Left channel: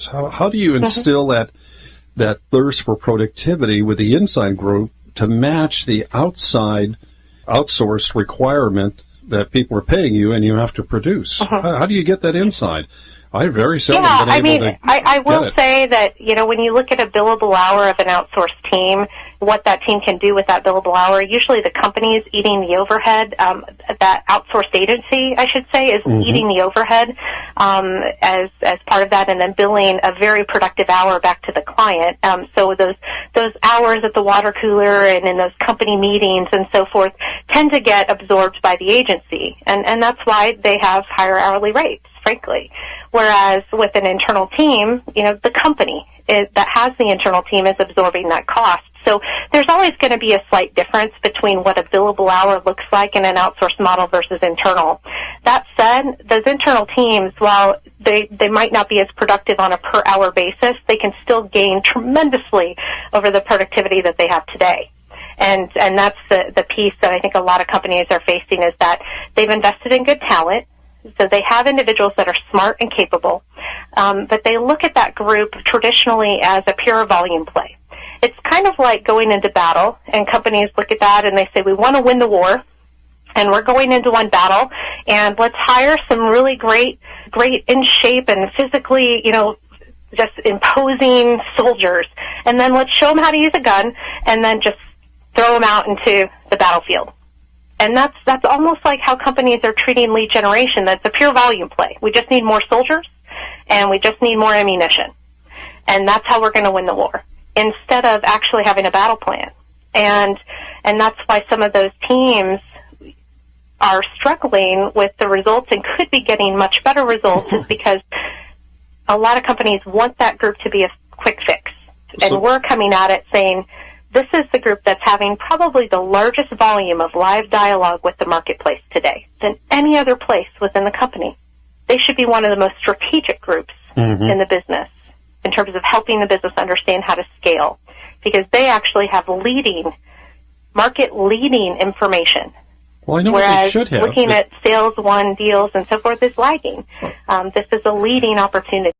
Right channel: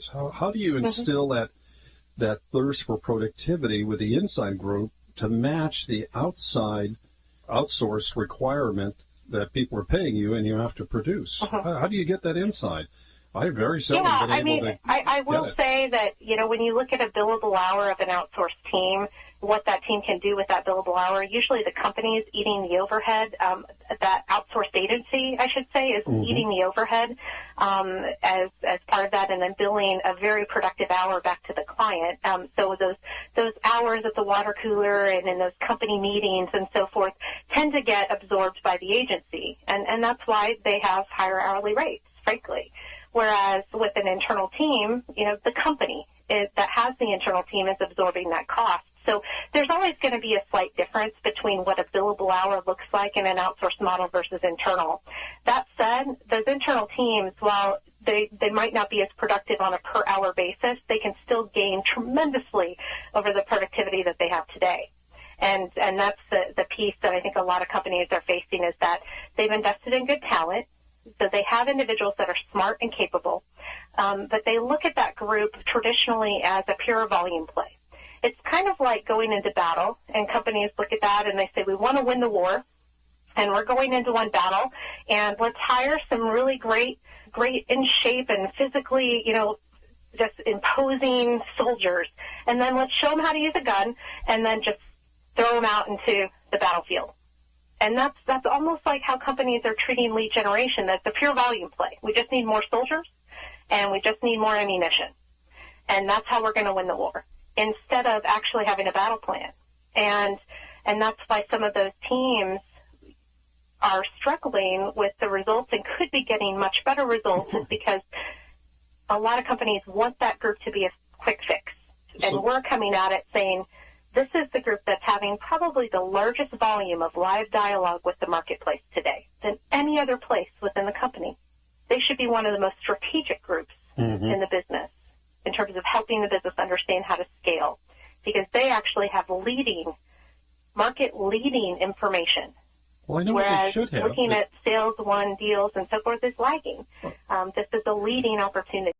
So how do you instill that thirst for productivity with the inside group to match the outside outsourced requirement that people are paying you and you have to produce? How do you get that inside? I've very seldom been able to I will get it. say that, when you look at a billable hour of an outsourced team, what that team can do with that billable hour, usually the company is eating the overhead. That outsourced agency, I should say, is eating the overhead as part of that, and then billing a very productive hour back to the client. So those hours at the water cooler and in those company meetings and so forth tend to get absorbed by the agency, and that's why they have higher hourly rates, frankly. Whereas with an internal team, the company that has the internal team is absorbing that cost. So there's always going to be a slight difference between what a billable hour looks like in an outsourced model versus internal. That said, those internal teams, while they might not be as productive on a per hour basis, they can still gain tremendously over the productivity that they have today. And that's the piece that I think a lot of companies are facing, is that they've invested in good talent. So they have individuals that are smart and capable, but they look at that group traditionally as a pure volume play. It's kind of like going into battle, and companies look at that and they say, we want to win the war, and we're going into one battle, and let's hire some really great in shape and physically, just imposing soldiers, and then let's show them how to use a gun, and then just throw them out into the battlefield. And that's almost like how companies are treating lead generation. That's a pure volume play. We just need more soldiers, and we just need more ammunition. And that's how we're going to win the war, instead of actually having a battle plan. And that's why some of those teams are struggling with the results and could be getting much better results, is because a lot of companies want that group to be a quick fix. And we're coming at it saying, this is the group that's having probably the largest volume of live dialogue with the marketplace today than any other place within the company. They should be one of the most strategic groups in the business in terms of helping the business understand how to scale, because they actually have market-leading information. Well, I know whereas what they should have. Looking at sales won deals and so forth is lagging. This is a leading opportunity.